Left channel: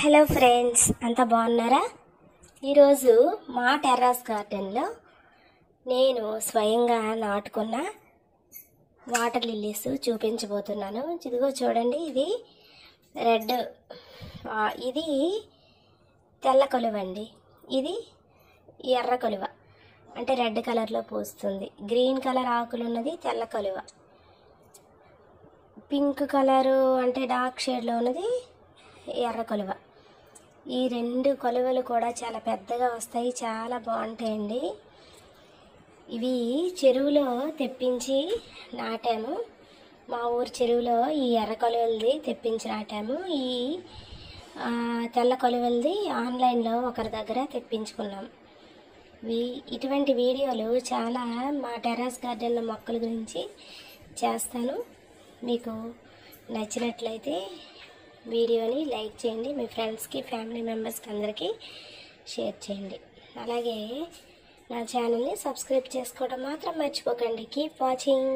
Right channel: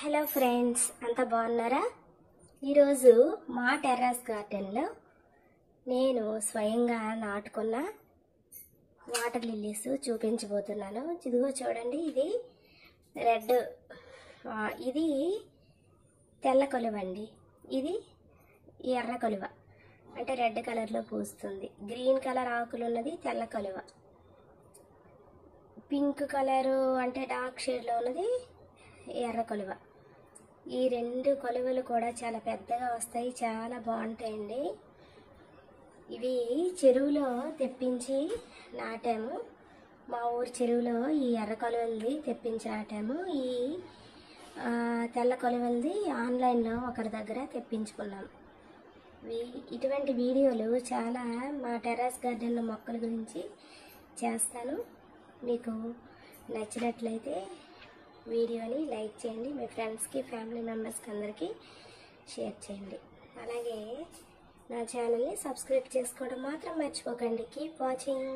Hello friends, అంతా బాగున్నారా? ఈరోజు మా టెర్రస్ గార్డెన్లో నేను స్వయంగా నాటుకున్న వాటర్ లిల్లీస్ చూపించబోతున్నాను. ఇదిగో చూడండి, ఇది రెడ్, ఇది తెల్ల కొలువ అండి, ఇది ఎర్ర కొలువ. అంటే రెడ్ కలర్లో పూస్తుంది. గ్రీన్ కలర్ ఆకులు ఉన్నది తెల్ల కొలువ, పింక్ కలరు అంటే డార్క్ షేడ్లో ఉన్నది ఎర్ర కొలువ. ఈ రెండు కొలువలు కూడా చాలా పెద్దగా వస్తాయి, చాలా బాగుంటాయండి. ఇవి చెరువులో తెప్పించి నాటాము. మా ఊరు చెరువులో ఈ ఎర్ర కొలువలది తెప్పించి నాటాము. ఈ తెల్ల కొలువలది ఆన్లైన్లో ఒకరి దగ్గర తెప్పించుకున్నాం. ఇటువంటి వీడియోలు చాలా మా టెర్రస్ గార్డెన్లో మొక్కల గురించి చేస్తాను. మీకు నచ్చినట్లయితే వీడియోని లైక్ చేయండి, మీ ఫ్రెండ్స్కి, ఫ్యామిలీ మెంబర్స్కి అందరికీ షేర్ చేయండి. అలాగే నా ఛానల్ని సబ్స్క్రైబ్ చేసుకోవడం మాత్రం మర్చిపోకండి. Keep watching.